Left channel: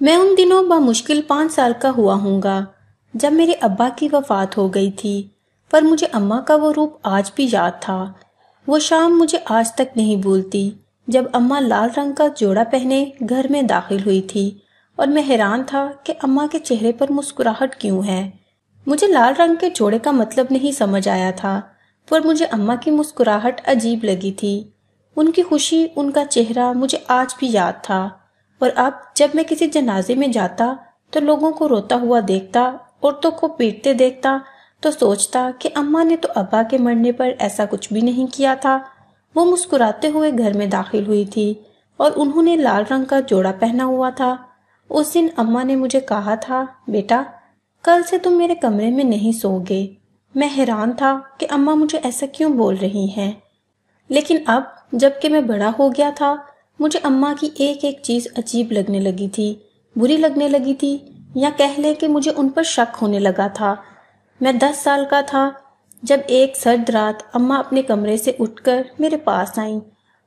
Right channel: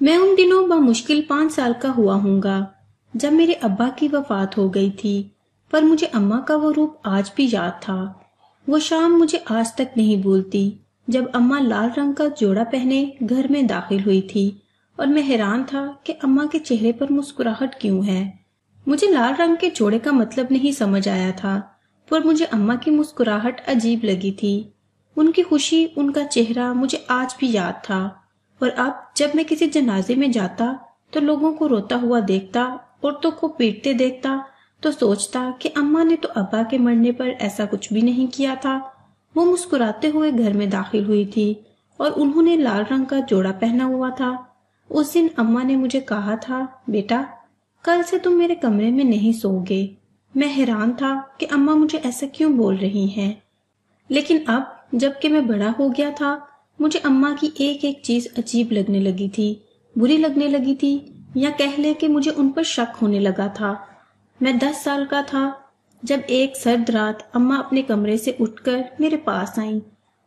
میں ان دنوں بمشکل 5 سال کا ہوا ہوں گا جب میرے ابا کی وفات ہو گئی تھی، پر مجھے اماں کا وہ روپ آج بھی یاد تھا۔ وہ شام مجھے آج تک نہیں بھولتی جب اماں لال رنگ کا جوڑا پہنے گھر میں داخل ہوئی تھی، اور میں حیران تھا کہ اماں کے چہرے پر مسکراہٹ کیوں ہے۔ مجھے لال رنگ کے جوڑے کا مطلب نہیں سمجھ آیا تھا، پر مجھے اماں کی مسکراہٹ عجیب لگی تھی۔ ان کی خوشی، ان کا چہرہ مجھے آج بھی یاد تھا، اور اب جب میں کسی جنازے میں جاتا تو لوگوں کو روتا ہوا دیکھتا، عورتوں کو پیٹتے دیکھتا، تو سوچتا کہ اماں نے تو ابا کے مرنے پر ایسا کچھ بھی نہیں کیا تھا۔ وہ مسکراتے ہوئے گھر میں داخل ہوئی تھی اور انہوں نے لال رنگ کا جوڑا پہنا ہوا تھا۔ اس دن اماں نے مجھے کہا تھا، بیٹا کل سے تم میرے کمرے میں نہیں سو گے۔ میں حیران تھا کہ اماں مجھے ایسا کیوں بول رہی ہیں، لیکن اب جب کہ میں بڑا ہو گیا تھا، مجھے اماں کی ایک ایک چیز عجیب لگنے لگی تھی، بری لگنے لگی تھی، یا کہہ لیں کہ مجھے ان پر شک ہونے لگا تھا۔ میں 10 سال کا تھا جب ایک سرد رات اماں اپنے کمرے سے اٹھ کر میرے پاس آئیں۔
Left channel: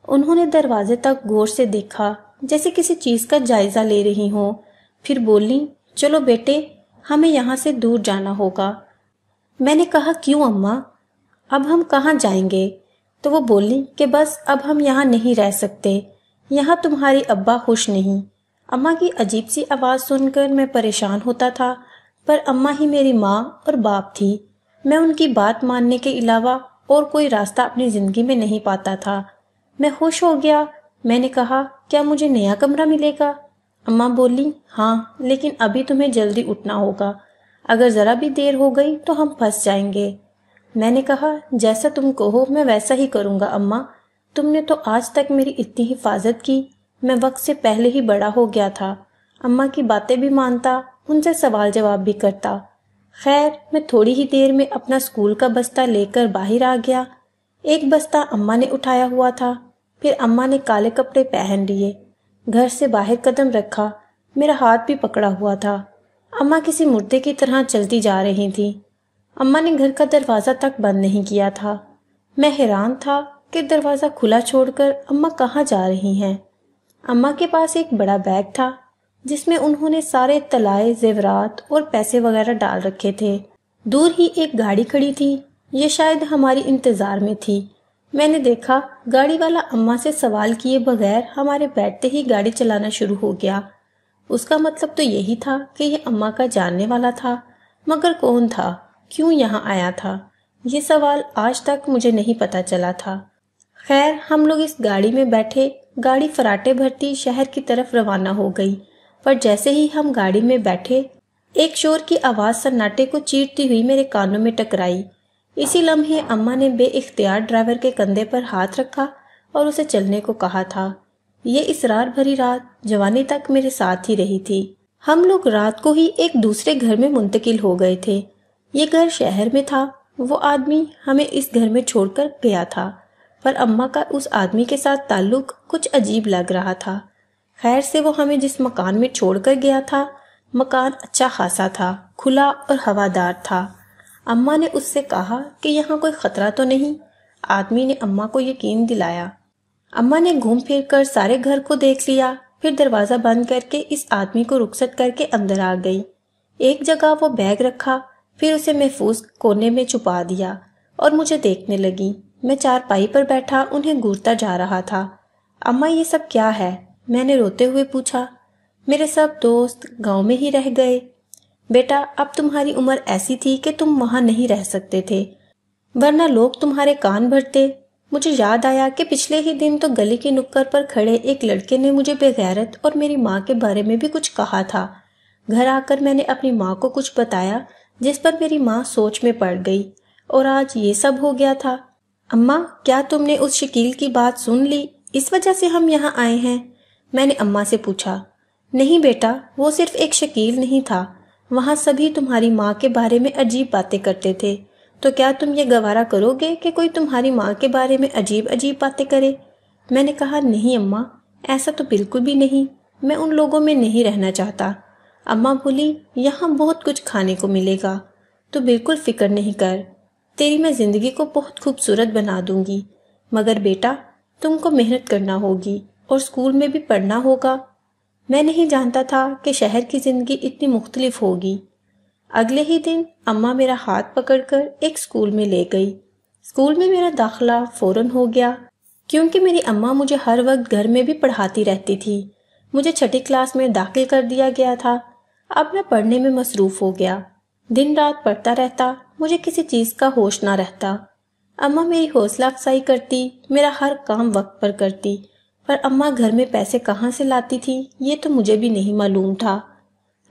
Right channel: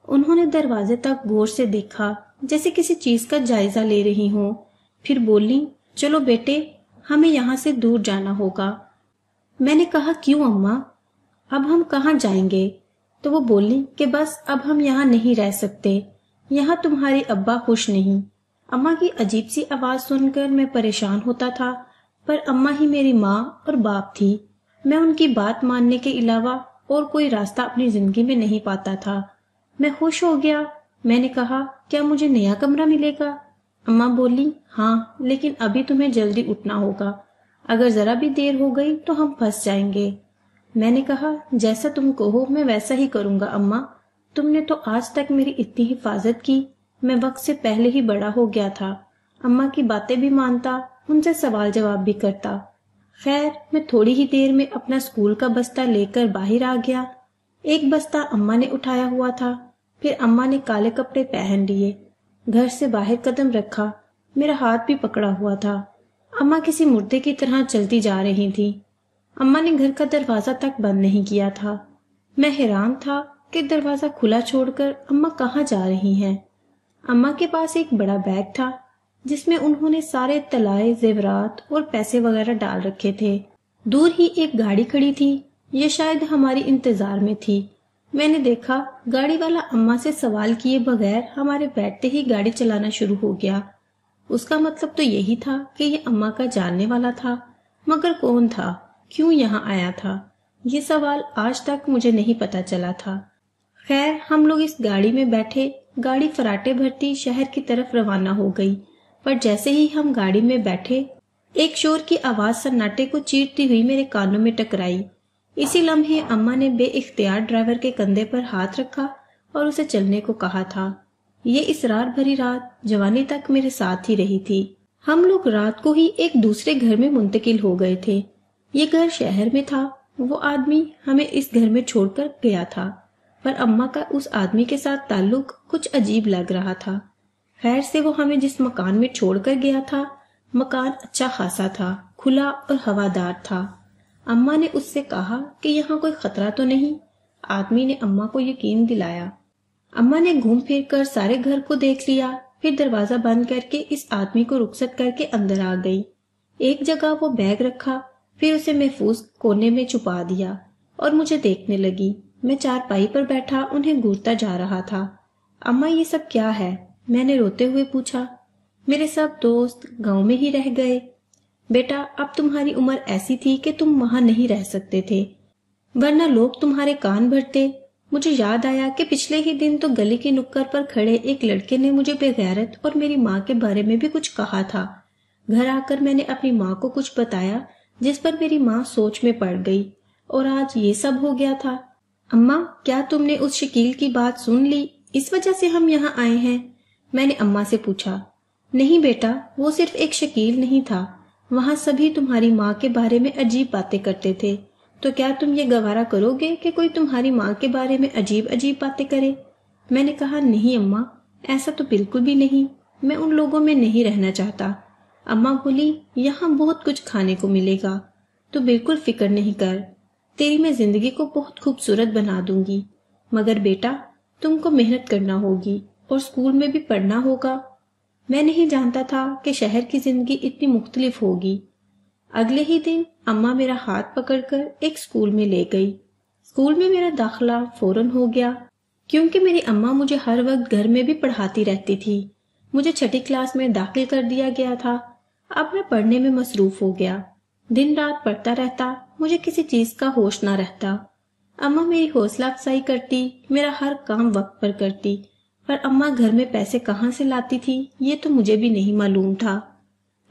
انہوں نے دروازے تک غور سے دیکھا جیسے کسی چیز کا جائزہ لے رہی ہوں، پھر بولیں، چلو بیٹے ہمیں یہاں سے دور جانا ہوگا۔ میں نے کہا، کیوں اماں؟ اب ہم کہاں جائیں گے؟ تو وہ بولیں کہ بس اب ہم یہاں نہیں رہ سکتے، یہاں تمہارے ابا خوش نہیں۔ اماں کی عجیب سی آواز سن کر میں پریشان ہوتا تھا، پر اماں ہی میری ماں اور باپ تھی۔ میں ان کی بات ماننے کے علاوہ اور کوئی راستہ اپنی زندگی میں نہیں پاتا تھا۔ میں خوش ہو گیا۔ میں نے کہا، کیا مجھے نیا کمرہ ملے گا؟ اماں بولی، ہاں، لیکن ابھی تمہیں جلدی اٹھنا ہوگا، اگر ذرا بھی دیر ہو گئی تو ہم پھنس جائیں گے۔ میں نے کہا، جیسا تم کہو میں ویسا ہی کروں گا اماں، تم نے تو آج تک میری اتنی حفاظت کی، میں وقت سے پہلے ہی بڑا ہو گیا تھا، اماں کی باتیں بھی مانتا، ان سے سوال جواب بھی کرتا۔ خیر، میں تھوڑی ہی دیر میں اپنا اسکول کا بستہ لے کر باہر آ گیا۔ ایک بستہ اماں نے اٹھایا ہوا تھا، پھر اماں نے کالے کپڑے پہن لیے، گھر سے باہر قدم رکھا، میرا ہاتھ بھی پکڑا ہوا تھا۔ اماں کسی مردے کی طرح چلتی جا رہی تھی۔ اماں نے گھر کا دروازہ تک بند نہیں کیا تھا۔ میں حیران تھا کہ دروازہ کھلا چھوڑ کر اماں کہاں جا رہی ہیں۔ اماں کے پاس ایک بڑا بیگ تھا جس میں انہوں نے سارے طلائے، زیورات اور پیسے وغیرہ ڈال رکھے تھے۔ دور ہی ایک گاڑی کھڑی تھی، یہ شاید ہماری انتظار میں تھی۔ میں نے دیکھا گاڑی والا اماں سے سوال کیے بغیر ہمارے بیٹھتے ہی گاڑی چلانا شروع ہو گیا۔ اس کا مطلب تو یہی تھا کہ یہ اماں کا جاننے والا تھا، مگر کون تھا، کیوں یہاں آیا تھا، یہ سوال آج تک مجھے نہیں پتا چلا تھا۔ خیر، ہم لوگ اس گاڑی میں بیٹھے، گاڑی فراٹے بھرتی شہر کی طرف روانہ ہو گئی، پر جیسے ہی ہم گاڑی میں بیٹھے، ایک شور کی آواز سناٹے کو چیرتی ہوئی میرے کانوں میں ٹکرائی۔ اسی لمحے اماں نے بے اختیار ڈرائیور کے کندھے پر ہاتھ رکھا اور اسے چلنے کو کہا تھا۔ یہ اسرار بھری رات جوانی تک میرے ساتھ ہی رہی تھی۔ ہم لوگ رات کو ہی ایک دوسرے گھر میں منتقل ہو گئے تھے۔ یہ گھر شہر میں تھا، وہ آدمی ہمیں اس گھر میں چھوڑ کر گیا تھا، پر اماں کا اس آدمی کے ساتھ تعلق کچھ عجیب لگ رہا تھا۔ خیر سے وہ ہمیں جس مکان میں چھوڑ کر گیا تھا، مکان اچھا خاصا تھا، کھلا اور ہوادار تھا۔ اماں نے اس سے کہا کہ یہاں کوئی خطرہ تو نہیں؟ آدمی نے اماں کو یقین دلایا۔ اماں نے گھوم پھر کر سارے گھر کو دیکھ لیا، پھر دروازہ بند کر کے اس آدمی کو رخصت کر کے اندر آ گئی۔ ایک جگہ وہ بیگ رکھا، پھر اسے محفوظ کونے میں چھپا دیا اور مجھے دیکھنے لگی۔ میں چارپائی پر بیٹھا انہیں گھورتا جا رہا تھا۔ اماں، یہ سب کیا ہے؟ میں نے روتے ہوئے پوچھا۔ میرے سب دوست گاؤں میں ہی رہ گئے بیٹا، اب تمہاری عمر ایسی تھی کہ تم وہاں نہیں رہ سکتے تھے، ورنہ لوگ تمہارے کان بھرتے۔ مجھے یاد آیا کہ پچھلے ہی دن تو گلی کے نکڑ پر کھڑے ایک لڑکے نے مجھے بے غیرت اور میری ماں کے بارے میں بھی کچھ کہا تھا۔ گھر آ کر میں نے اپنی ماں کو کچھ بتایا، جس پر میری ماں سوچ میں پڑ گئی، اور آج یہ سب ہو گیا تھا۔ اماں، کیا تم نے اس شکیل کی بات سن لی؟ اس وجہ سے ہم یہاں آئے ہیں؟ میں نے اماں سے پوچھا۔ نہیں بیٹا، وہ صرف ایک شکیل نہیں تھا، وہاں سبھی تمہاری ماں کے بارے میں عجیب باتیں کرتے تھے، تو کیا تم یہ گوارا کرو گے کہ کوئی تمہاری ماں کے بارے میں عجیب عجیب باتیں کرے؟ میں نے کہا، نہیں اماں، ایسا تو بالکل بھی نہیں، میں ان لوگوں میں نہیں رہنا چاہتا۔ اماں بولی، یہاں بہت کچھ کھانے کو ملے گا، تو بالکل فکر نہیں کر، تیری میں زندگی کو بہت خوبصورت بنا دوں گی، مگر بیٹا تم کو محنت کرنا ہوگی اور اسکول میں بھی پڑھنا ہوگا۔ میں نہیں جانتا تھا کہ شہر کی زندگی اتنی مختلف ہوگی۔ اگلے ہی دن اماں میرا ہاتھ پکڑ کر ایک اسکول میں لے گئی۔ اسکول میں میرا داخلہ فوراً ہو گیا، کیونکہ میری اماں مجھے ہر وقت گھر میں بھی پڑھاتی رہتی تھی۔ مجھے 6ٹھی کلاس میں داخل کر دیا گیا تھا۔ اب میں پڑھنے میں مصروف ہو گیا، دن رات پڑھتا رہتا، مجھے کسی چیز کا ہوش نہ رہتا۔ اماں میری حوصلہ افزائی کرتی، میرا ہر کام وقت پر کرتی، پر اماں گھر میں پیسے کہاں سے لاتی تھی یہ تو مجھے بھی نہیں معلوم تھا۔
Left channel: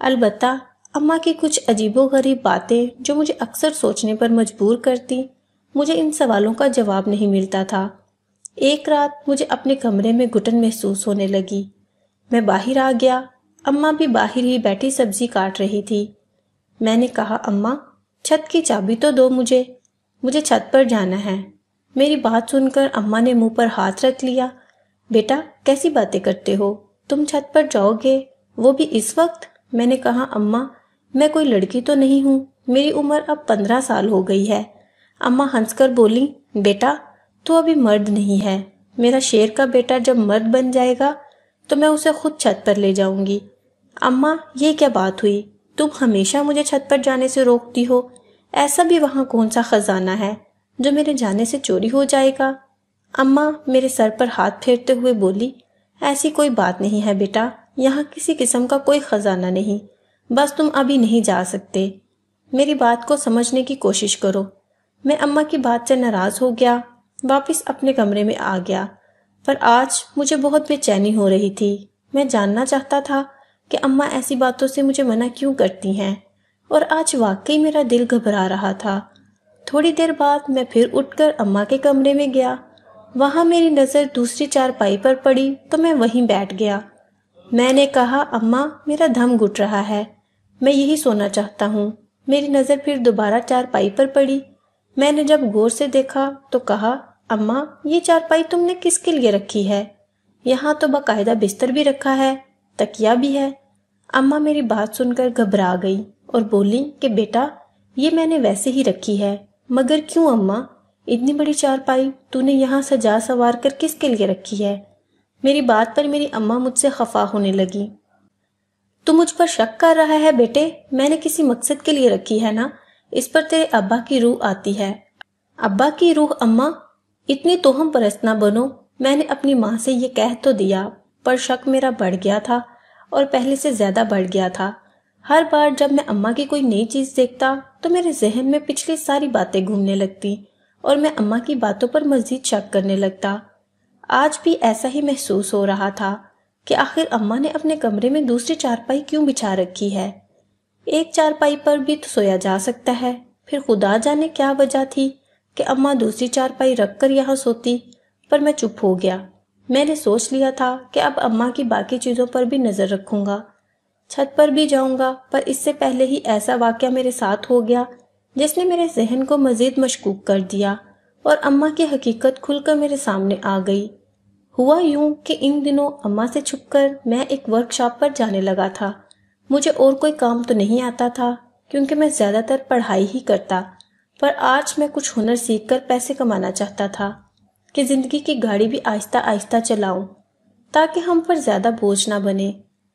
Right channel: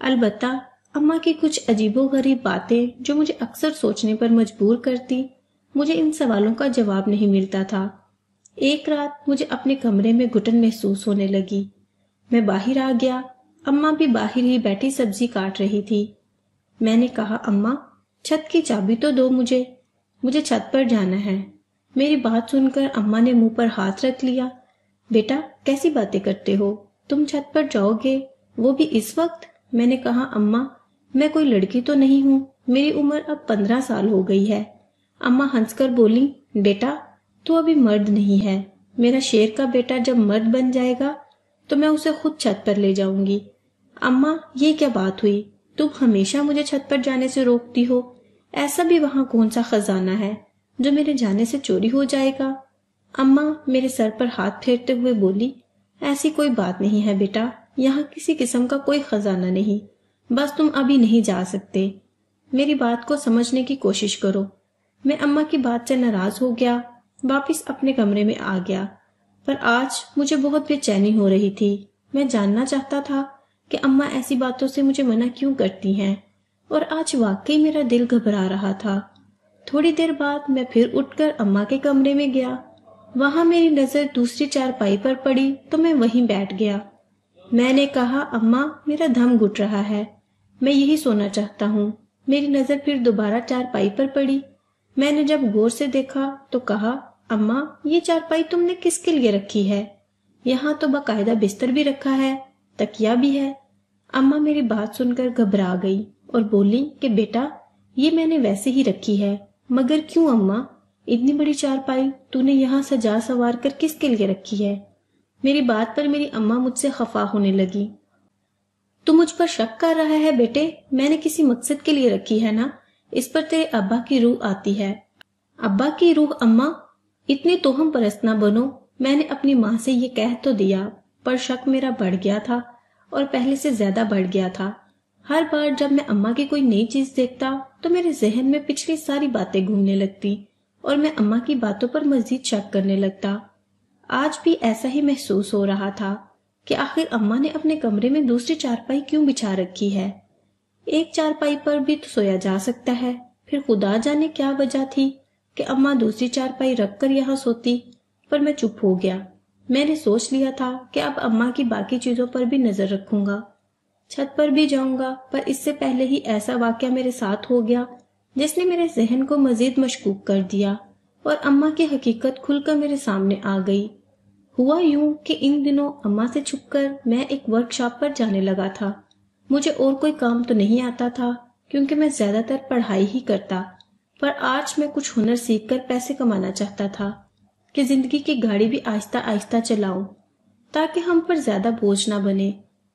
البتہ اماں کی کچھ عجیب و غریب باتیں جو مجھے اکثر سوچنے پر مجبور کرتی، مجھے ان سوالوں کا جواب نہیں ملتا تھا۔ ایک رات مجھے اپنے کمرے میں گھٹن محسوس ہونے لگی۔ میں باہر آ گیا، اماں بھی باہر ہی بیٹھی سبزی کاٹ رہی تھی۔ میں نے کہا، اماں چھت کی چابی تو دو، مجھے چھت پر جانا ہے۔ میری بات سن کر اماں نے منہ پر ہاتھ رکھ لیا۔ بیٹا کیسی باتیں کرتے ہو، تم چھت پر جاؤ گے، وہ بھی اس وقت؟ میں نے کہا، اماں میں کوئی لڑکی تو نہیں ہوں، میری عمر اب 15 سال ہو گئی ہے۔ اماں ہنس کر بولی، بیٹا تو ابھی مرد نہیں ہے، میرا شیر کا بیٹا جب مرد بن جائے گا تو میں اسے خود چھت پر لے جاؤں گی۔ اماں یہ کیا بات ہوئی، تم ہمیشہ مجھے چھت پر جانے سے روکتی ہو، ایسا بھی وہاں کون سا خزانہ ہے جو میرے جانے سے چوری ہو جائے گا؟ اماں میرے سر پر ہاتھ پھیرتے ہوئے بولی، ایسی کوئی بات نہیں ہے بیٹا، یہاں کسی قسم کا کوئی خزانہ نہیں، بس تم ابھی نہیں جا سکتے، میری بات کو سمجھنے کی کوشش کرو۔ میں اماں کی بات سے ناراض ہو گیا، واپس اپنے کمرے میں آ گیا، پر آج مجھے بہت بے چینی ہو رہی تھی۔ میں جاننا چاہتا تھا کہ اماں ایسی باتوں سے مجھے منع کیوں کرتی ہیں، اور آج واقعی میرا دل گھبرا رہا تھا۔ تھوڑی دیر بعد میں پھر اٹھ کر اماں کے کمرے میں گیا، وہاں میری نظر دوسری چارپائی پر پڑی تو میں وہیں بیٹھ گیا۔ میں نے کہا، اماں میرا دم گھٹ رہا ہے، میں یہی سونا چاہتا ہوں۔ میری نظر پھر دوبارہ چارپائی پر پڑی، میں نے جب غور سے دیکھا تو کہا، اماں یہ چارپائی تم نے کس کے لیے رکھی ہے؟ یہاں تو باقاعدہ بستر بھی رکھا ہے، تکیا بھی ہے۔ اماں میری بات سن کر گھبرا گئی اور بولی کہ بیٹا یہ میں نے ویسے ہی رکھی ہے۔ مگر کیوں اماں، اتنی بڑی چارپائی تو نے یہاں سجا سنوار کر کس کے لیے رکھی ہے؟ میری بات پر میری اماں مجھ سے خفا ہونے لگی۔ تو مجھ پر شک کر رہا ہے بیٹے، میں نے کسی مقصد کے لیے رکھی ہے نا، اس پر تیرے ابا کی روح آتی ہے۔ ابا کی روح؟ اماں اتنی توہم پرست نہ بنو، میں نے اپنی ماں سے یہ کہہ تو دیا، پر شک میرا بڑھ گیا تھا اور پہلے سے زیادہ بڑھ گیا تھا۔ ہر بار جب میں اماں کی کوئی نئی چیز دیکھتا تو میرے ذہن میں پچھلی ساری باتیں گھومنے لگتی اور میں اماں کی باتوں پر مزید شک کرنے لگتا۔ آج بھی ایسا ہی محسوس ہو رہا تھا کہ آخر اماں نے اپنے کمرے میں دوسری چارپائی کیوں بچھا رکھی ہے؟ ایک چارپائی پر بھی تو سویا جا سکتا ہے، پھر خدا جانے کیا وجہ تھی کہ اماں دوسری چارپائی رکھ کر یہاں سوتی۔ پر میں چپ ہو گیا، میں نے سوچ لیا تھا کہ اب اماں کی باقی چیزوں پر بھی نظر رکھوں گا، چھت پر بھی جاؤں گا، پر اس سے پہلے ہی ایسا واقعہ میرے ساتھ ہو گیا جس نے میرے ذہن کو مزید مشکوک کر دیا اور اماں کی حقیقت کھل کر میرے سامنے آ گئی۔ ہوا یوں کہ ان دنوں اماں سے چھپ کر میں ایک ورک شاپ پر جانے لگا تھا۔ مجھے اور کوئی کام تو نہیں آتا تھا کیونکہ میں زیادہ تر پڑھائی ہی کرتا، پر آج میں کچھ ہنر سیکھ کر پیسے کمانا چاہتا تھا کہ زندگی کی گاڑی بھی آہستہ آہستہ چلاؤں تاکہ ہم پر زیادہ بوجھ نہ بنے۔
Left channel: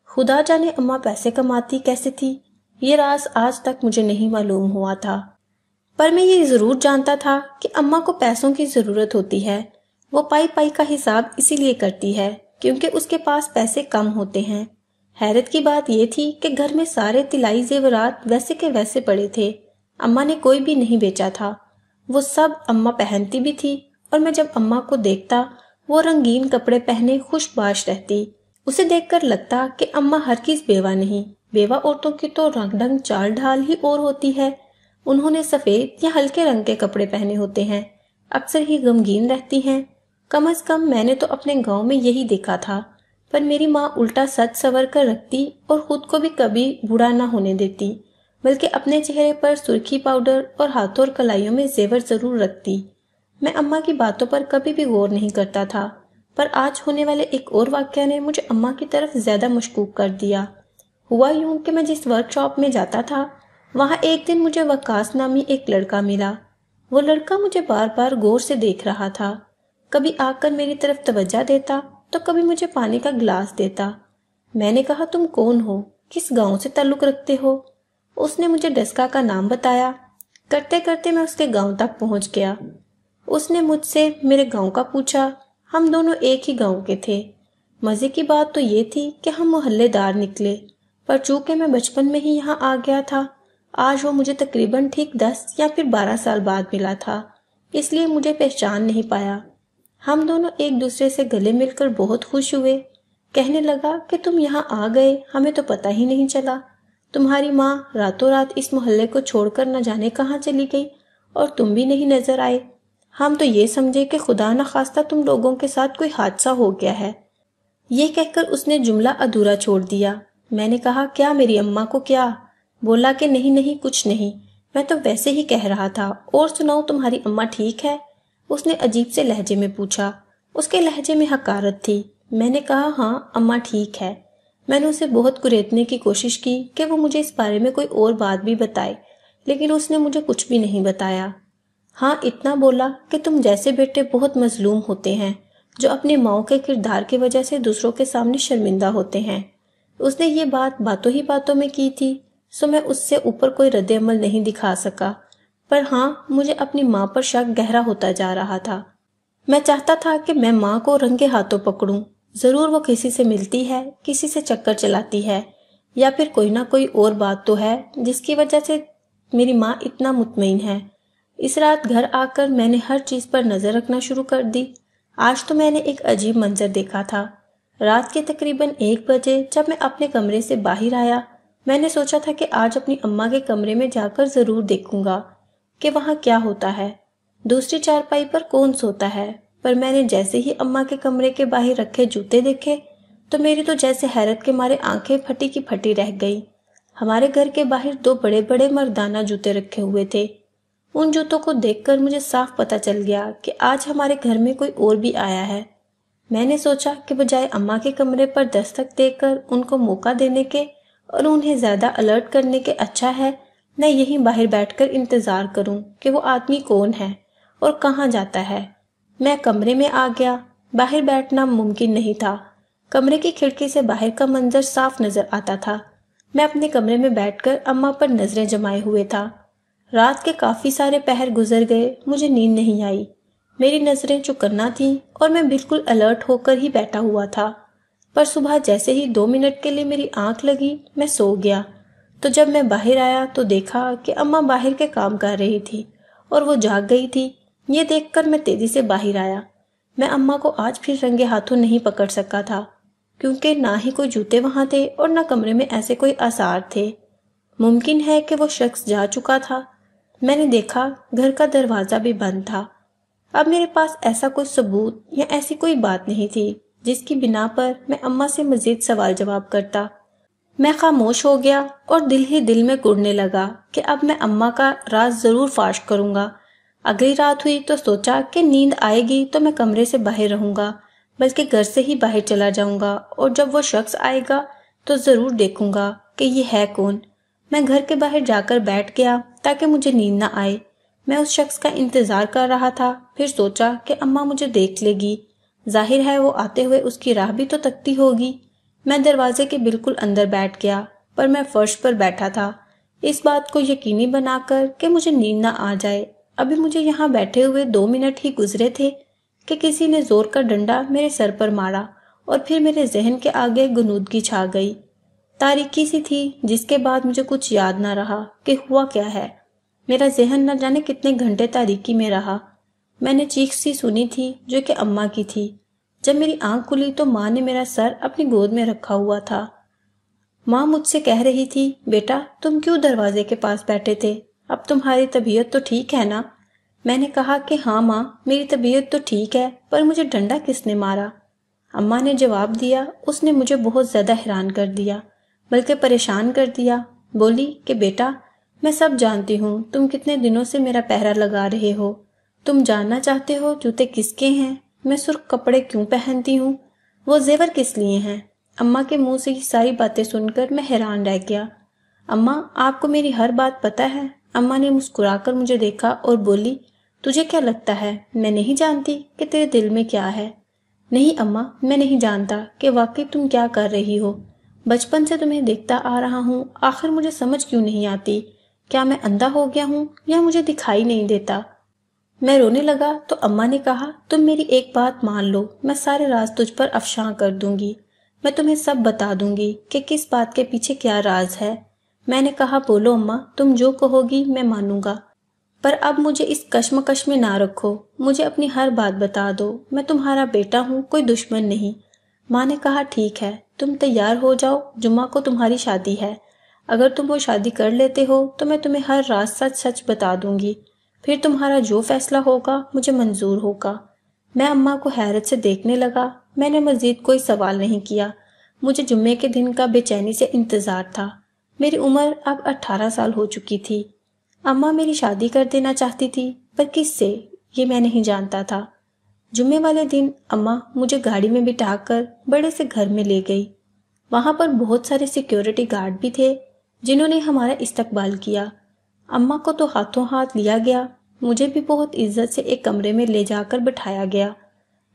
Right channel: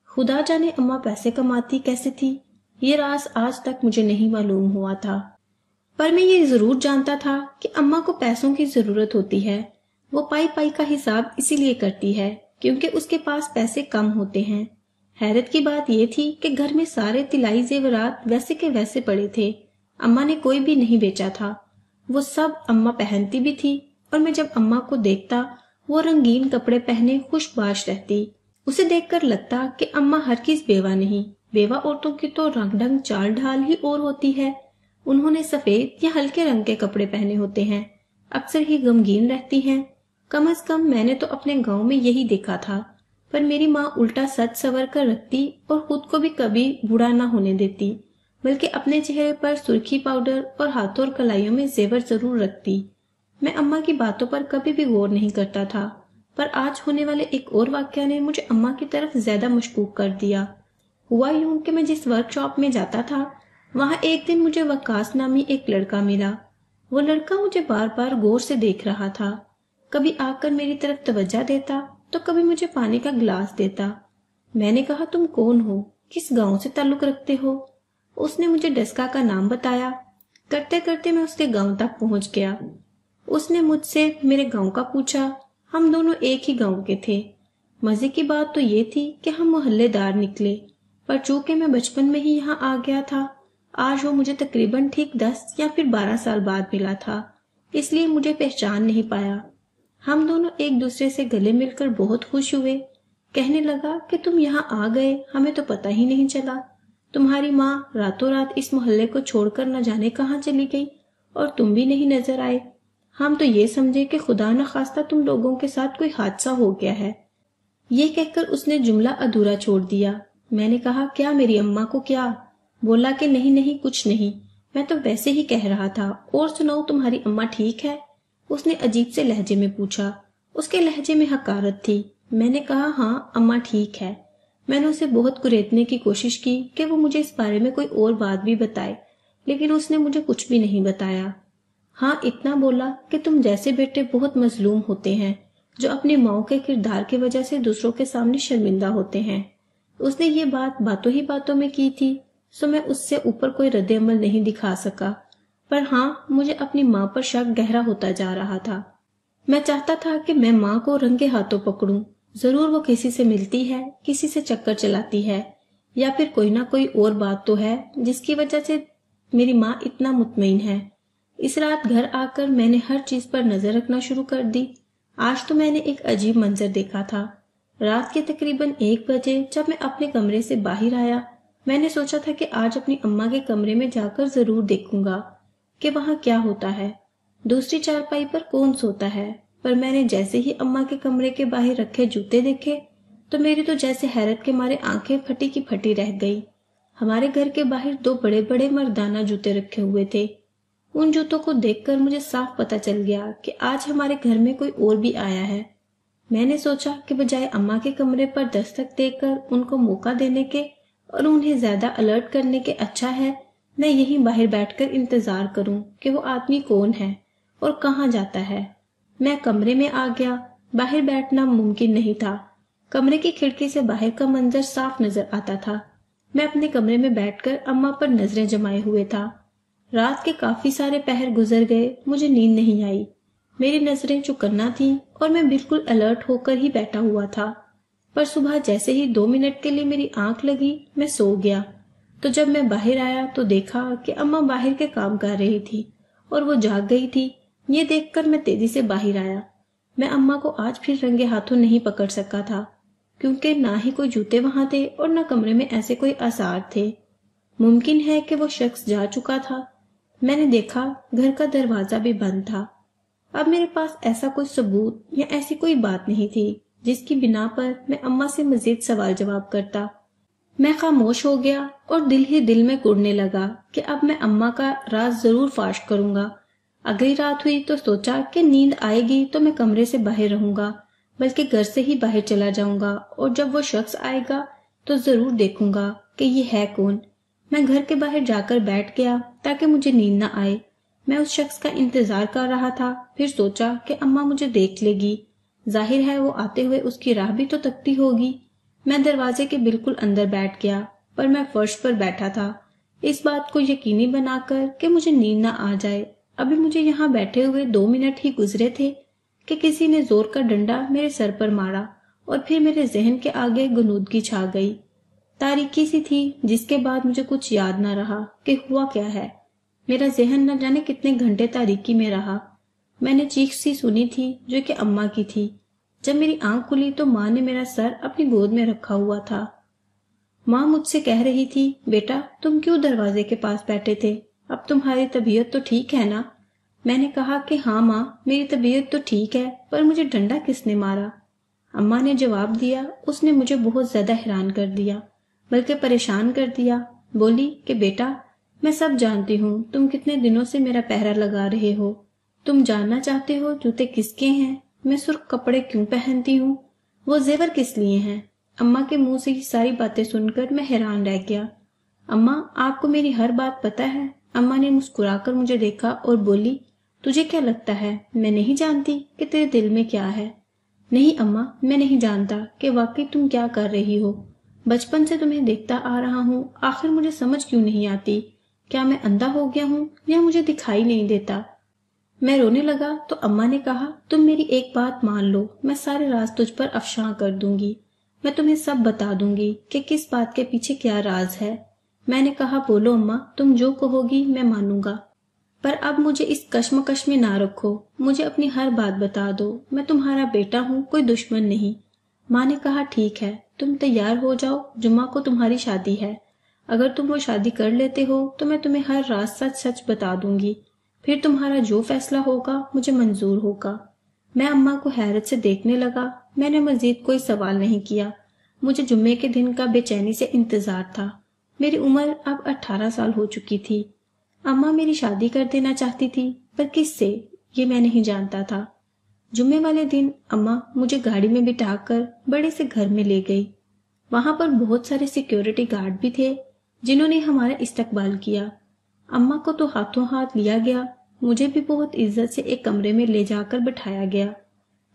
خدا جانے اماں پیسے کماتی کیسے تھی، یہ راز آج تک مجھے نہیں معلوم ہوا تھا، پر میں یہ ضرور جانتا تھا کہ اماں کو پیسوں کی ضرورت ہوتی ہے۔ وہ پائی پائی کا حساب اسی لیے کرتی ہے کیونکہ اس کے پاس پیسے کم ہوتے ہیں۔ حیرت کی بات یہ تھی کہ گھر میں سارے طلائی زیورات ویسے کے ویسے پڑے تھے، اماں نے کوئی بھی نہیں بیچا تھا، وہ سب اماں پہنتی بھی تھی، اور میں جب اماں کو دیکھتا وہ رنگین کپڑے پہنے خوش باش رہتی، اسے دیکھ کر لگتا کہ اماں ہرگز بیوہ نہیں۔ بیوہ عورتوں کی تو رنگ ڈھنگ چال ڈھال ہی اور ہوتی ہے، انہوں نے سفید یا ہلکے رنگ کے کپڑے پہنے ہوتے ہیں، اکثر ہی غمگین رہتی ہیں۔ کم از کم میں نے تو اپنے گاؤں میں یہی دیکھا تھا، پر میری ماں الٹا سج سور کر رکھتی اور خود کو بھی کبھی بوڑھا نہ ہونے دیتی، بلکہ اپنے چہرے پر سرخی پاؤڈر اور ہاتھوں اور کلائیوں میں زیور ضرور رکھتی۔ میں اماں کی باتوں پر کبھی بھی غور نہیں کرتا تھا، پر آج ہونے والے ایک اور واقعہ نے مجھے اماں کی طرف زیادہ مشکوک کر دیا۔ ہوا یوں کہ میں جس ورک شاپ میں جاتا تھا وہاں ایک دن مجھے وقاص نامی ایک لڑکا ملا۔ وہ لڑکا مجھے بار بار غور سے دیکھ رہا تھا، کبھی آ کر میری طرف توجہ دیتا تو کبھی مجھے پانی کا گلاس دیتا۔ میں نے کہا تم کون ہو، کس گاؤں سے تعلق رکھتے ہو؟ اس نے مجھے ڈسکا کا نام بتایا۔ کرتے کرتے میں اس کے گاؤں تک پہنچ گیا۔ اس نے مجھ سے میرے گاؤں کا پوچھا۔ ہم دونوں ایک ہی گاؤں کے تھے۔ مزے کی بات تو یہ تھی کہ ہم محلے دار نکلے، پر چونکہ میں بچپن میں ہی یہاں آ گیا تھا، آج وہ مجھے تقریباً ٹھیک 10 یا پھر 12 سال بعد ملا تھا، اس لیے مجھے پہچان نہیں پایا۔ ہم دونوں ایک دوسرے سے گلے مل کر بہت خوش ہوئے۔ کہنے لگا کہ تم یہاں آ گئے، ہمیں تو پتہ ہی نہیں چلا۔ تمہاری ماں راتوں رات اس محلے کو چھوڑ کر نہ جانے کہاں چلی گئی، اور تم بھی نہیں نظر آئے۔ ہم تو یہ سمجھے کہ خدا نخواستہ تم لوگوں کے ساتھ کوئی حادثہ ہو گیا ہے۔ یہ کہہ کر اس نے جملہ ادھورا چھوڑ دیا۔ میں نے کہا کیا میری اماں کو کیا؟ بولا کہ نہیں نہیں کچھ نہیں، میں تو ویسے ہی کہہ رہا تھا۔ اور سناؤ تمہاری اماں ٹھیک ہے؟ اس نے عجیب سے لہجے میں پوچھا۔ اس کے لہجے میں حقارت تھی۔ میں نے کہا ہاں اماں ٹھیک ہے۔ میں نے اسے بہت کریدنے کی کوشش کی کہ وہ مجھے اس بارے میں کوئی اور بات بھی بتائے، لیکن اس نے مجھے کچھ بھی نہیں بتایا۔ ہاں اتنا بولا کہ تم جیسے بیٹے بہت مظلوم ہوتے ہیں جو اپنی ماؤں کے کردار کی وجہ سے دوسروں کے سامنے شرمندہ ہوتے ہیں۔ اس نے یہ بات باتوں ہی باتوں میں کی تھی، سو میں اس سے اوپر کوئی رد عمل نہیں دکھا سکا، پر ہاں مجھے اپنی ماں پر شک گہرا ہوتا جا رہا تھا۔ میں چاہتا تھا کہ میں ماں کو رنگے ہاتھوں پکڑوں، ضرور وہ کسی سے ملتی ہے، کسی سے چکر چلاتی ہے، یا پھر کوئی نہ کوئی اور بات تو ہے جس کی وجہ سے میری ماں اتنا مطمئن ہے۔ اس رات گھر آ کر میں نے ہر چیز پر نظر رکھنا شروع کر دی۔ آج تو میں نے ایک عجیب منظر دیکھا تھا۔ رات کے تقریباً 1 بجے جب میں اپنے کمرے سے باہر آیا، میں نے سوچا تھا کہ آج اپنی اماں کے کمرے میں جا کر ضرور دیکھوں گا کہ وہاں کیا ہوتا ہے، دوسری چارپائی پر کون سوتا ہے۔ پر میں نے جیسے ہی اماں کے کمرے کے باہر رکھے جوتے دیکھے تو میری تو جیسے حیرت کے مارے آنکھیں پھٹی کی پھٹی رہ گئی۔ ہمارے گھر کے باہر 2 بڑے بڑے مردانہ جوتے رکھے ہوئے تھے۔ ان جوتوں کو دیکھ کر مجھے صاف پتہ چل گیا کہ آج ہمارے گھر میں کوئی اور بھی آیا ہے۔ میں نے سوچا کہ بجائے اماں کے کمرے پر دستک دے کر ان کو موقع دینے کے اور انہیں زیادہ الرٹ کرنے کے اچھا ہے میں یہیں باہر بیٹھ کر انتظار کروں کہ وہ آدمی کون ہے اور کہاں جاتا ہے۔ میں کمرے میں آ گیا۔ باہر بیٹھنا ممکن نہیں تھا۔ کمرے کی کھڑکی سے باہر کا منظر صاف نظر آتا تھا۔ میں اپنے کمرے میں بیٹھ کر اماں پر نظریں جمائے ہوئے تھا۔ رات کے کافی سارے پہر گزر گئے، مجھے نیند نہیں آئی۔ میری نظریں چوکنا تھیں اور میں بالکل الرٹ ہو کر ہی بیٹھا ہوا تھا، پر صبح جیسے ہی 2 منٹ کے لیے میری آنکھ لگی میں سو گیا۔ تو جب میں باہر آیا تو دیکھا کہ اماں باہر کے کام کر رہی تھی اور وہ جاگ گئی تھی۔ یہ دیکھ کر میں تیزی سے باہر آیا۔ میں اماں کو آج پھر رنگے ہاتھوں نہیں پکڑ سکا تھا، کیونکہ نہ ہی کوئی جوتے وہاں تھے اور نہ کمرے میں ایسے کوئی آثار تھے۔ ممکن ہے کہ وہ شخص جا چکا تھا۔ میں نے دیکھا گھر کا دروازہ بھی بند تھا۔ اب میرے پاس ایسا کوئی ثبوت یا ایسی کوئی بات نہیں تھی جس کی بنا پر میں اماں سے مزید سوال جواب کرتا۔ میں خاموش ہو گیا اور دل ہی دل میں گڑنے لگا کہ اب میں اماں کا راز ضرور فاش کروں گا۔ اگلی رات ہوئی تو سوچا کہ نیند آئے گی تو میں کمرے سے باہر رہوں گا، بلکہ گھر سے ہی باہر چلا جاؤں گا، اور جب وہ شخص آئے گا تو ضرور دیکھوں گا کہ یہ ہے کون۔ میں گھر کے باہر جا کر بیٹھ گیا تاکہ مجھے نیند نہ آئے۔ میں اس شخص کا انتظار کر رہا تھا، پھر سوچا کہ اماں مجھے دیکھ لے گی، ظاہر ہے وہ آتے ہوئے اس کی راہ بھی تو تکتی ہوگی۔ میں دروازے کے بالکل اندر بیٹھ گیا، پر میں فرش پر بیٹھا تھا، اس بات کو یقینی بنا کر کہ مجھے نیند نہ آ جائے۔ ابھی مجھے یہاں بیٹھے ہوئے 2 منٹ ہی گزرے تھے کہ کسی نے زور کا ڈنڈا میرے سر پر مارا، اور پھر میرے ذہن کے آگے غنودگی چھا گئی۔ تاریکی سی تھی جس کے بعد مجھے کچھ یاد نہ رہا کہ ہوا کیا ہے۔ میرا ذہن نہ جانے کتنے گھنٹے تاریکی میں رہا۔ میں نے چیخ سی سنی تھی جو کہ اماں کی تھی۔ جب میری آنکھ کھلی تو ماں نے میرا سر اپنی گود میں رکھا ہوا تھا۔ ماں مجھ سے کہہ رہی تھی، بیٹا تم کیوں دروازے کے پاس بیٹھے تھے؟ اب تمہاری طبیعت تو ٹھیک ہے نا؟ میں نے کہا کہ ہاں ماں میری طبیعت تو ٹھیک ہے، پر مجھے ڈنڈا کس نے مارا؟ اماں نے جواب دیا، اس نے مجھے بہت زیادہ حیران کر دیا، بلکہ پریشان کر دیا۔ بولی کہ بیٹا میں سب جانتی ہوں تم کتنے دنوں سے میرا پہرا لگا رہے ہو۔ تم جاننا چاہتے ہو جوتے کس کے ہیں، میں سرخ کپڑے کیوں پہنتی ہوں، وہ زیور کس لیے ہیں؟ اماں کے منہ سے یہ ساری باتیں سن کر میں حیران رہ گیا۔ اماں آپ کو میری ہر بات پتہ ہے؟ اماں نے مسکرا کر مجھے دیکھا اور بولی، تجھے کیا لگتا ہے میں نہیں جانتی کہ تیرے دل میں کیا ہے؟ نہیں اماں میں نہیں جانتا کہ واقعی تم کیا کر رہی ہو۔ بچپن سے تمہیں دیکھتا آ رہا ہوں، آخر مجھے سمجھ کیوں نہیں آتی؟ کیا میں اندھا ہو گیا ہوں یا مجھے دکھائی نہیں دیتا؟ میں رونے لگا تو اماں نے کہا، تم میری ایک بات مان لو، میں سارے راز تجھ پر افشاں کر دوں گی، میں تمہیں سب بتا دوں گی کہ کس بات کے پیچھے کیا راز ہے۔ میں نے کہا، بولو اماں، تم جو کہو گی میں مانوں گا، پر اب مجھے اس کشمکش میں نہ رکھو، مجھے اپنی ہر بات بتا دو، میں تمہارا بیٹا ہوں، کوئی دشمن نہیں۔ ماں نے کہا، ٹھیک ہے، تم تیار ہو جاؤ، جمعہ کو تمہاری شادی ہے، اگر تم وہ شادی کر لیتے ہو تو میں تمہیں ہر راز سچ سچ بتا دوں گی، پھر تمہارا جو فیصلہ ہوگا مجھے منظور ہوگا۔ میں اماں کو حیرت سے دیکھنے لگا، میں نے مزید کوئی سوال نہیں کیا، مجھے جمعے کے دن کا بے چینی سے انتظار تھا۔ میری عمر اب 18 سال ہو چکی تھی۔ اماں میری شادی کر دینا چاہتی تھی، پر کس سے یہ میں نہیں جانتا تھا۔ جمعے والے دن اماں مجھے گاڑی میں بٹھا کر بڑے سے گھر میں لے گئی۔ وہاں پر بہت سارے سیکیورٹی گارڈ بھی تھے جنہوں نے ہمارا استقبال کیا۔ اماں کو تو ہاتھوں ہاتھ لیا گیا، مجھے بھی بہت عزت سے ایک کمرے میں لے جا کر بٹھایا گیا۔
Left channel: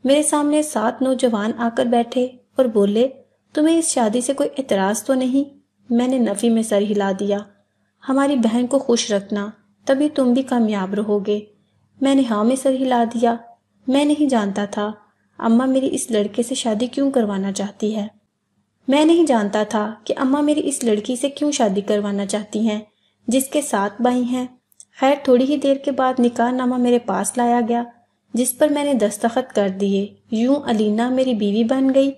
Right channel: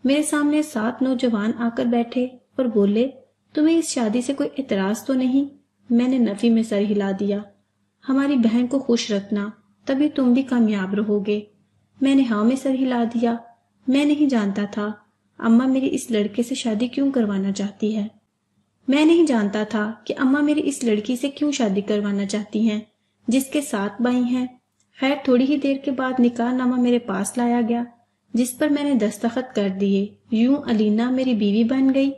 میرے سامنے 7 نوجوان آ کر بیٹھے اور بولے، تمہیں اس شادی سے کوئی اعتراض تو نہیں؟ میں نے نفی میں سر ہلا دیا۔ ہماری بہن کو خوش رکھنا، تبھی تم بھی کامیاب رہو گے۔ میں نے ہاں میں سر ہلا دیا۔ میں نہیں جانتا تھا اماں میری اس لڑکے سے شادی کیوں کروانا چاہتی ہے۔ میں نہیں جانتا تھا کہ اماں میری اس لڑکی سے کیوں شادی کروانا چاہتی ہیں جس کے 7 بھائی ہیں۔ خیر تھوڑی ہی دیر کے بعد نکاح نامہ میرے پاس لایا گیا، جس پر میں نے دستخط کر دیے۔ یوں علینا میری بیوی بن گئی۔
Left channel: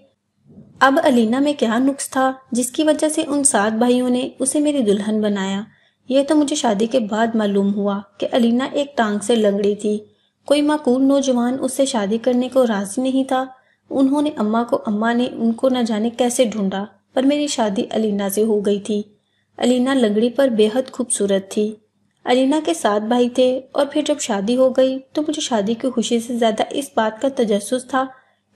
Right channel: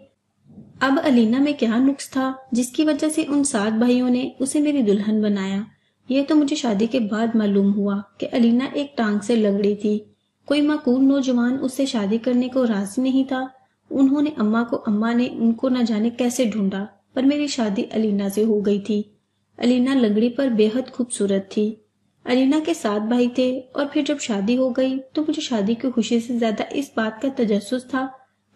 اب علینا میں کیا نقص تھا جس کی وجہ سے ان 7 بھائیوں نے اسے میری دلہن بنایا؟ یہ تو مجھے شادی کے بعد معلوم ہوا کہ علینا ایک ٹانگ سے لنگڑی تھی، کوئی معقول نوجوان اس سے شادی کرنے کو راضی نہیں تھا۔ انہوں نے اماں نے ان کو نہ جانے کیسے ڈھونڈا، پر میری شادی علینا سے ہو گئی تھی۔ علینا لنگڑی پر بے حد خوبصورت تھی۔ علینا کے 7 بھائی تھے، اور پھر جب شادی ہو گئی تو مجھے شادی کی خوشی سے زیادہ اس بات کا تجسس تھا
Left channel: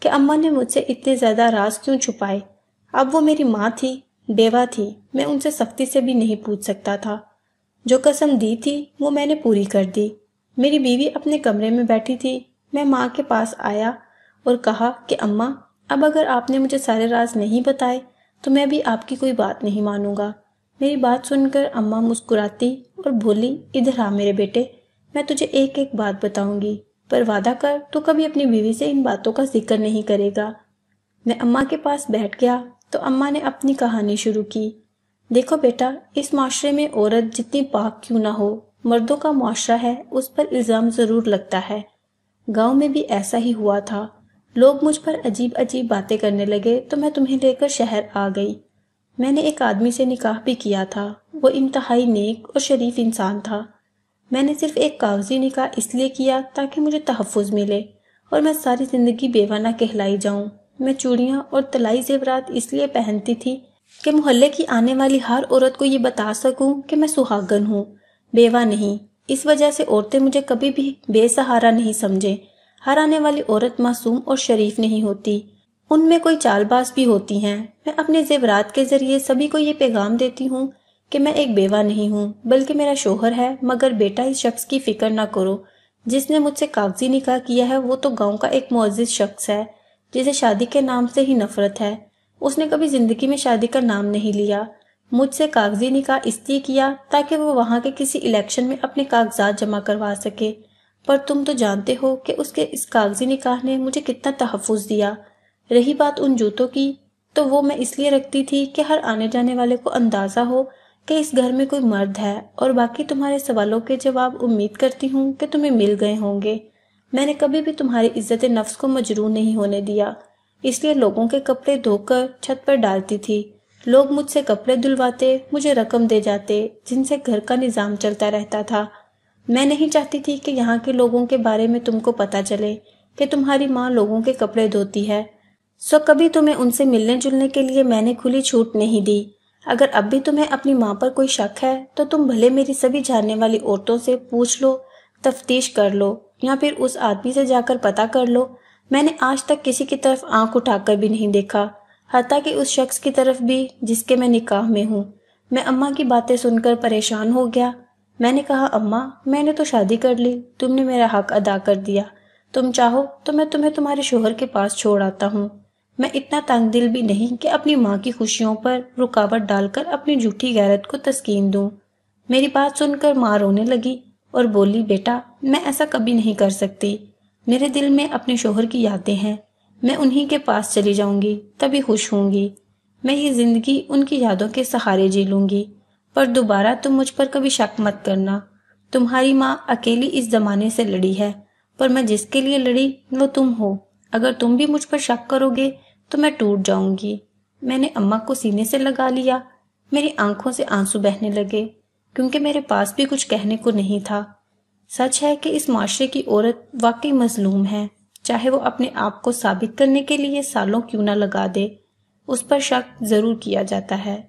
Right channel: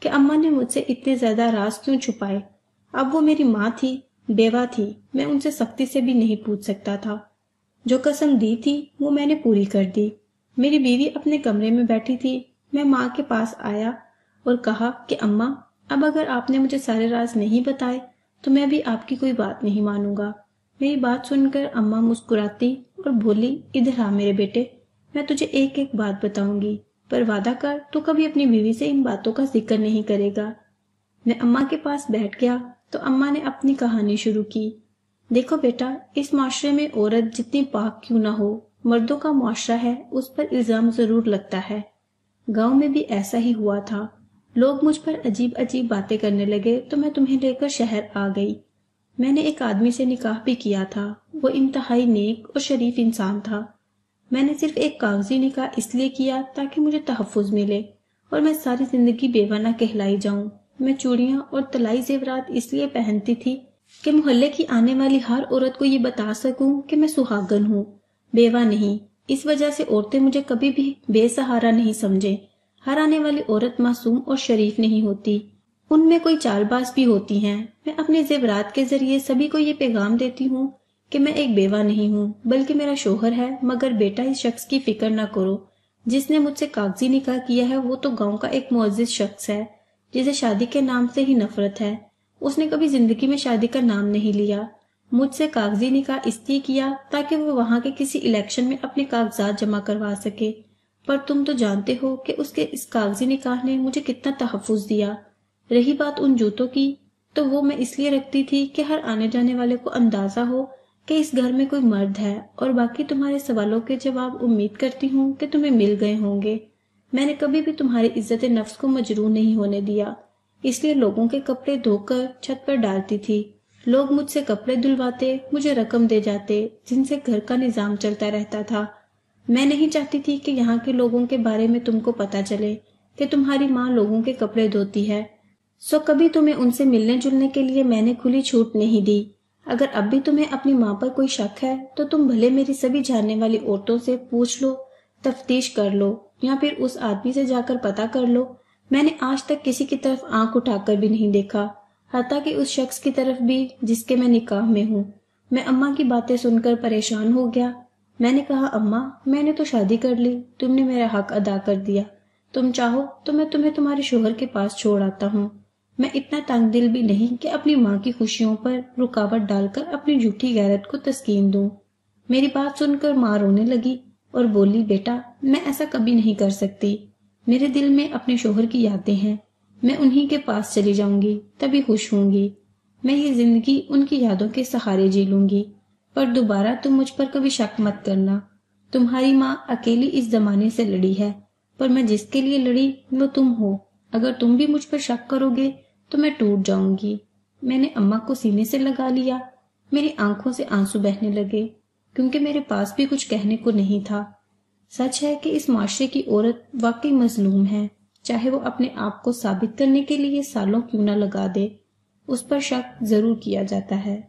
کہ اماں نے مجھ سے اتنے زیادہ راز کیوں چھپائے۔ اب وہ میری ماں تھی، بیوہ تھی، میں ان سے سختی سے بھی نہیں پوچھ سکتا تھا۔ جو قسم دی تھی وہ میں نے پوری کر دی۔ میری بیوی اپنے کمرے میں بیٹھی تھی، میں ماں کے پاس آیا اور کہا کہ اماں، اب اگر آپ نے مجھے سارے راز نہیں بتائے تو میں بھی آپ کی کوئی بات نہیں مانوں گا۔ میری بات سن کر اماں مسکراتی اور بولی، ادھر آ میرے بیٹے، میں تجھے ایک ایک بات بتاؤں گی، پر وعدہ کر تو کبھی اپنی بیوی سے ان باتوں کا ذکر نہیں کرے گا۔ میں اماں کے پاس بیٹھ گیا تو اماں نے اپنی کہانی شروع کی۔ دیکھو بیٹا، اس معاشرے میں عورت جتنی پاک کیوں نہ ہو، مردوں کا معاشرہ ہے، اس پر الزام ضرور لگتا ہے۔ گاؤں میں بھی ایسا ہی ہوا تھا، لوگ مجھ پر عجیب عجیب باتیں کرنے لگے تو میں تمہیں لے کر شہر آ گئی۔ میں نے ایک آدمی سے نکاح بھی کیا تھا، وہ انتہائی نیک اور شریف انسان تھا۔ میں نے صرف ایک کاغذی نکاح اس لیے کیا تاکہ مجھے تحفظ ملے اور میں ساری زندگی بیوہ نہ کہلائی جاؤں۔ میں چوڑیاں اور طلائی زیورات اس لیے پہنتی تھی کہ محلے کی آنے والی ہر عورت کو یہ بتا سکوں کہ میں سہاگن ہوں، بیوہ نہیں۔ اس وجہ سے عورتیں مجھے کبھی بھی بے سہارا نہیں سمجھیں۔ ہر آنے والی عورت معصوم اور شریف نہیں ہوتی، ان میں کوئی چال باز بھی ہوتی ہیں۔ میں اپنے زیورات کے ذریعے سبھی کو یہ پیغام دیتی ہوں کہ میں ایک بیوہ نہیں ہوں بلکہ میرا شوہر ہے، مگر بیٹا اس شخص کی فکر نہ کرو جس نے مجھ سے کاغذی نکاح کیا ہے، وہ تو گاؤں کا ایک معزز شخص ہے جسے شادی کے نام سے ہی نفرت ہے۔ اس نے کبھی زندگی میں شادی کا نام نہیں لیا۔ مجھ سے کاغذی نکاح اس لیے کیا تاکہ وہ وہاں کے کسی الیکشن میں اپنے کاغذات جمع کروا سکے، پر تم تو جانتے ہو کہ اس کے اس کاغذی نکاح نے مجھے کتنا تحفظ دیا۔ رہی بات ان جوتوں کی، تو وہ میں اس لیے رکھتی تھی کہ ہر آنے جانے والے کو اندازہ ہو کہ اس گھر میں کوئی مرد ہے، اور باقی تمہارے سوالوں کے جواب امید کرتی ہوں کہ تمہیں مل گئے ہوں گے۔ میں نے کبھی بھی تمہاری عزت نفس کو مجروح نہیں ہونے دیا، اس لیے لوگوں کے کپڑے دھو کر چھت پر ڈالتی تھی۔ لوگ مجھ سے کپڑے دھلواتے، مجھے رقم دے جاتے، جن سے گھر کا نظام چلتا رہتا تھا۔ میں نہیں چاہتی تھی کہ یہاں کے لوگوں کے بارے میں تم کو پتہ چلے کہ تمہاری ماں لوگوں کے کپڑے دھوتی ہے، سو کبھی تمہیں ان سے ملنے جلنے کے لیے میں نے کھلی چھوٹ نہیں دی۔ اگر اب بھی تمہیں اپنی ماں پر کوئی شک ہے تو تم بھلے میری سبھی جاننے والی عورتوں سے پوچھ لو، تفتیش کر لو، یا پھر اس آدمی سے جا کر پتہ کر لو۔ میں نے آج تک کسی کی طرف آنکھ اٹھا کر بھی نہیں دیکھا، حتیٰ کہ اس شخص کی طرف بھی جس کے میں نکاح میں ہوں۔ میں اماں کی باتیں سن کر پریشان ہو گیا۔ میں نے کہا، اماں، میں نے تو شادی کر لی، تم نے میرا حق ادا کر دیا، تم چاہو تو میں تمہیں تمہارے شوہر کے پاس چھوڑ آتا ہوں۔ میں اتنا تنگ دل بھی نہیں کہ اپنی ماں کی خوشیوں پر رکاوٹ ڈال کر اپنی جھوٹی غیرت کو تسکین دوں۔ میری بات سن کر ماں رونے لگی اور بولی، بیٹا میں ایسا کبھی نہیں کر سکتی، میرے دل میں اپنے شوہر کی یادیں ہیں، میں انہی کے پاس چلی جاؤں گی تبھی خوش ہوں گی، میں یہ زندگی ان کی یادوں کے سہارے جی لوں گی، پر دوبارہ تم مجھ پر کبھی شک مت کرنا، تمہاری ماں اکیلی اس زمانے سے لڑی ہے، پر میں جس کے لیے لڑی وہ تم ہو، اگر تم بھی مجھ پر شک کرو گے تو میں ٹوٹ جاؤں گی۔ میں نے اماں کو سینے سے لگا لیا، میری آنکھوں سے آنسو بہنے لگے، کیونکہ میرے پاس بھی کچھ کہنے کو نہیں تھا۔ سچ ہے کہ اس معاشرے کی عورت واقعی مظلوم ہے، چاہے وہ اپنے آپ کو ثابت کرنے کے لیے سالوں کیوں نہ لگا دے، اس پر شک ضرور کیا جاتا ہے۔